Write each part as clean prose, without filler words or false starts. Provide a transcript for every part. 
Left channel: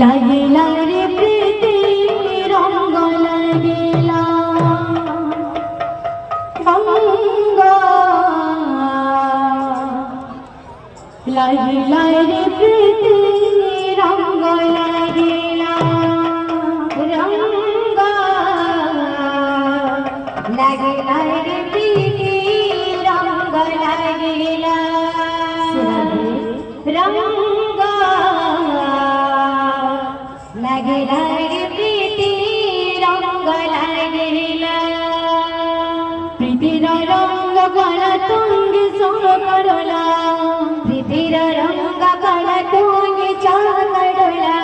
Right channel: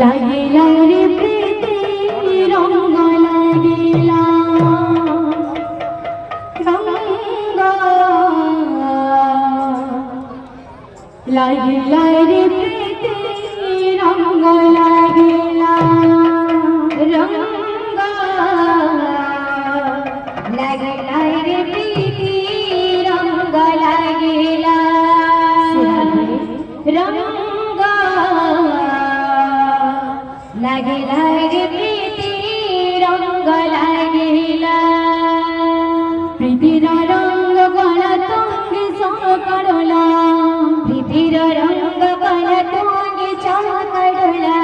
লাগিলা রে প্রীতি রঙ্গ লাগিলা রঙ্গ লাগিলা রে প্রীতি রঙ্গ লাগিলা রঙ্গ লাগিলা রে প্রীতি রঙ্গ লাগিলা রঙ্গ লাগে লাগে প্রীতি রঙ্গ লাগিলা প্রীতির রঙ্গ গলা তুঙ্গি সঙ্গ করলা প্রীতির রঙ্গ গলা তুঙ্গি চাল করলা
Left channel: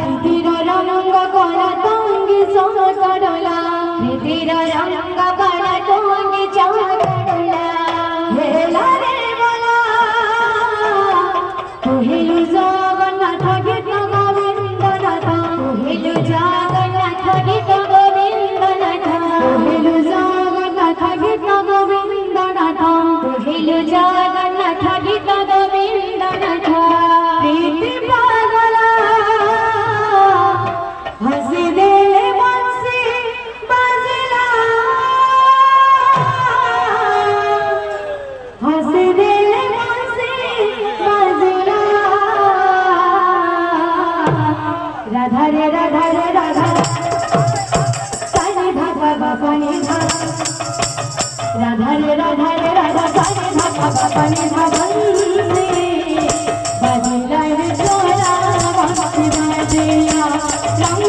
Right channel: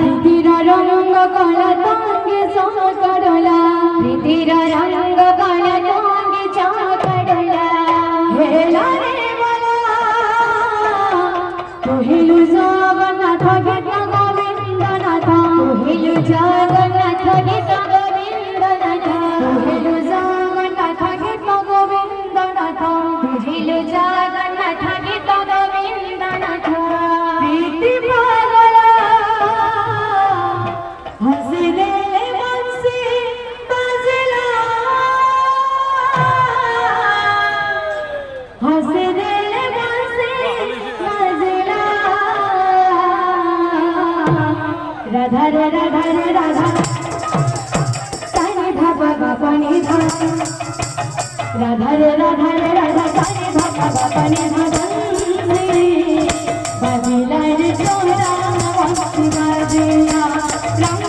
প্রীতির রঙ্গ গলা তুঙ্গি সঙ্গ করলা প্রীতির রঙ্গ গলা তুঙ্গি চাল করলা হেলা রে বলা কহিলু জগন্নাথ গীত কহিলু জগন্নাথ গীত গোবিন্দনাথ কহিলু জগন্নাথ গীত গোবিন্দনাথ কহিলু জগন্নাথ গীত গোবিন্দনাথ প্রীতি পাগলা হাসি দে বংশী বাজলা হাসি দে বংশী বাজলা রাধা রে রাধা রে রাধা সাই ধা বাবা পানি ধা রাধা রে রাধা রে রাধা সাই ধা বাবা পানি ধা বংশী বাজিলা রে সোনা বংশী বাজিলা রঙ্গা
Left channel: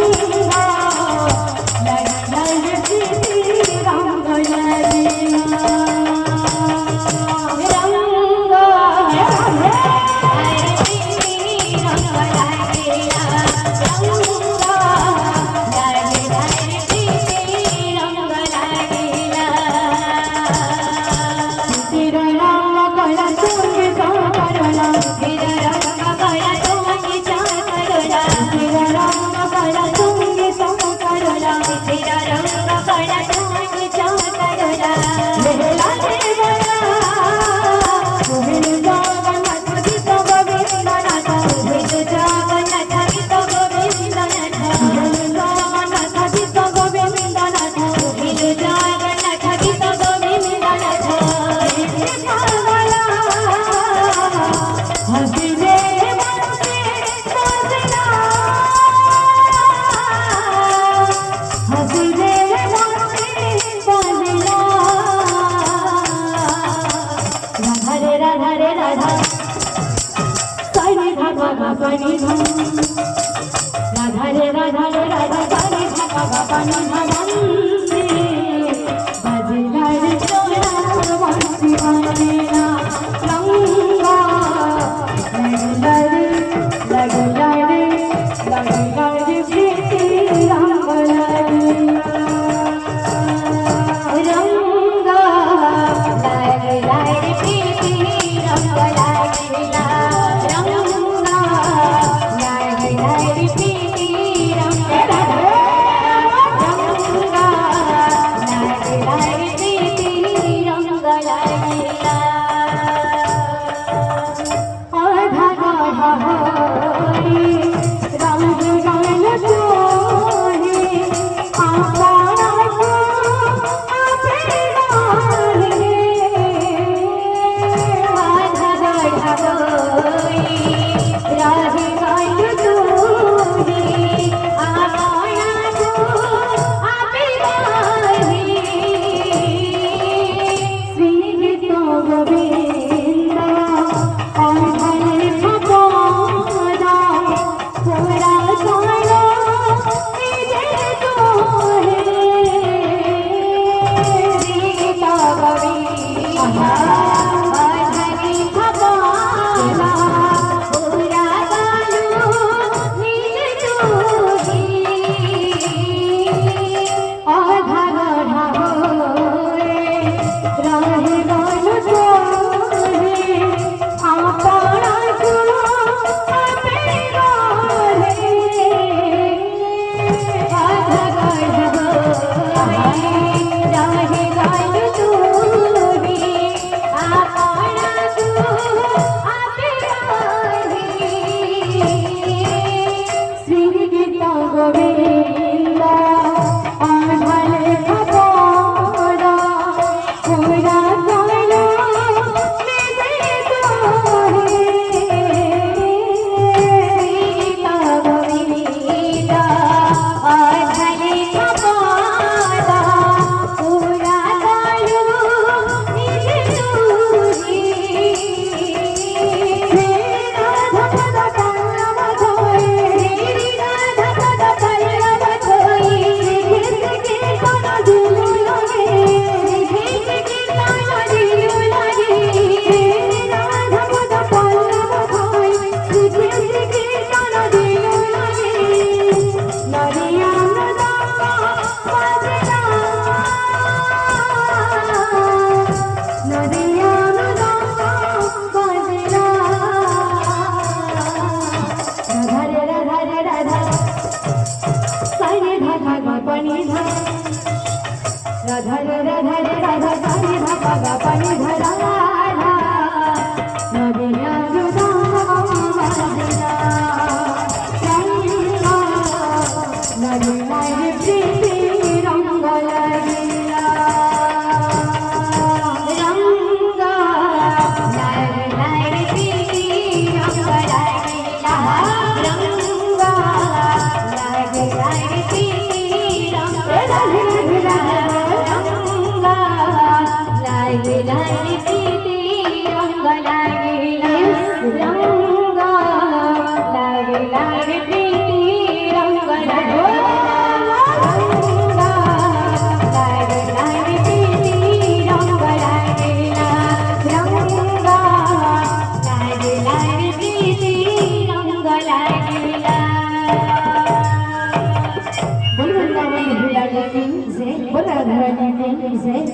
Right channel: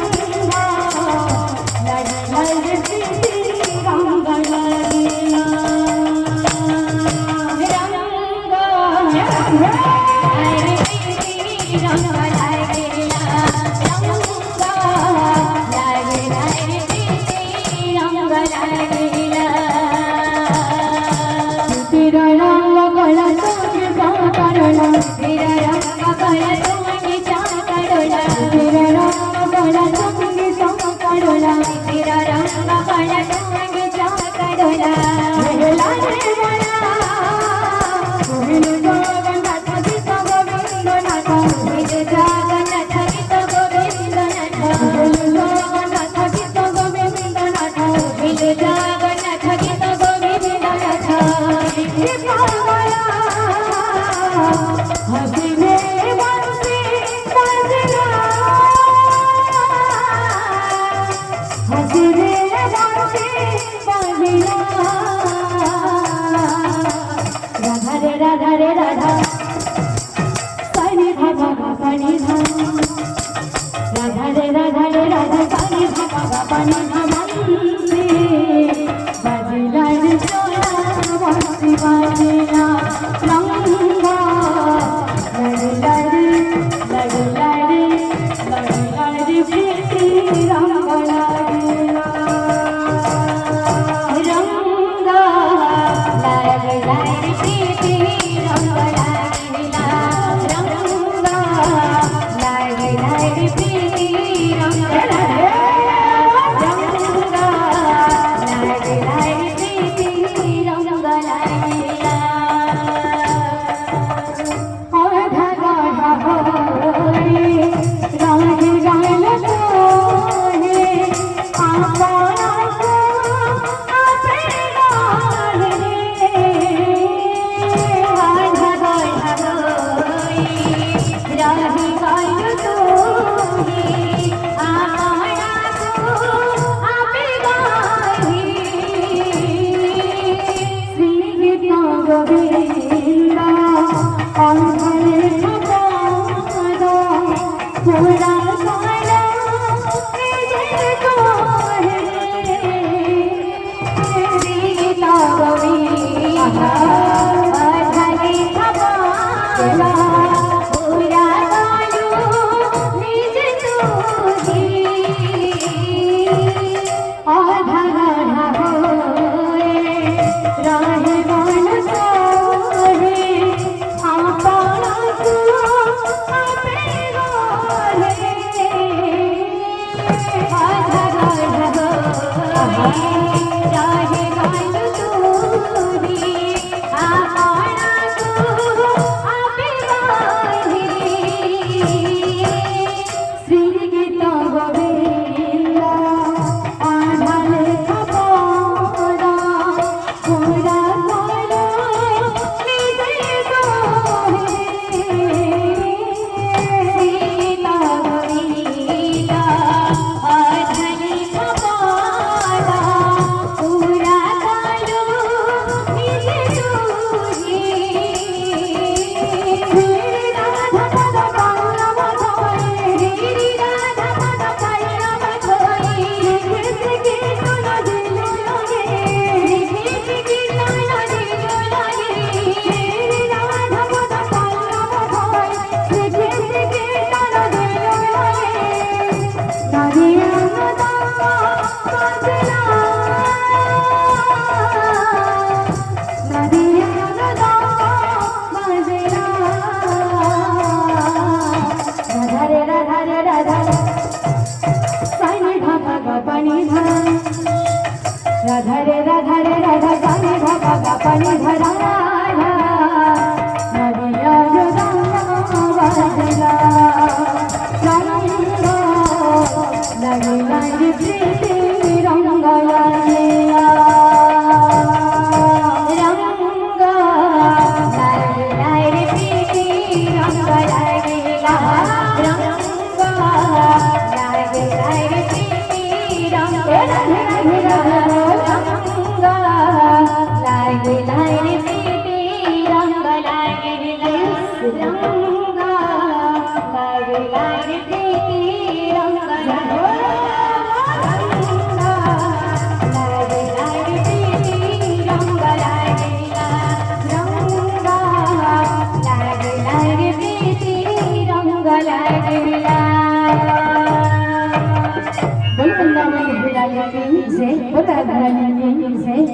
লাগিলা রে প্রীতি রঙ্গ লাগিলা পানি ধা রাধা রে রাধা রে রাধা সানি ধা বাবা পানি ধা রাধা নদিয়া যদা বাজনা রঙ্গ লাগিলা রে প্রীতি রঙ্গ লাগিলা রঙ্গ লাগিলা রে প্রীতি রঙ্গ লাগিলা রঙ্গ লাগিলা রে প্রীতি রঙ্গ রাধে রাধে রাধে রঙ্গ লাগিলা রে প্রীতি রঙ্গ লাগিলা রঙ্গ লাগিলা রে প্রীতি রঙ্গ बोल वृंदावन बिहारी की जय, बोल राधा रानी की जय।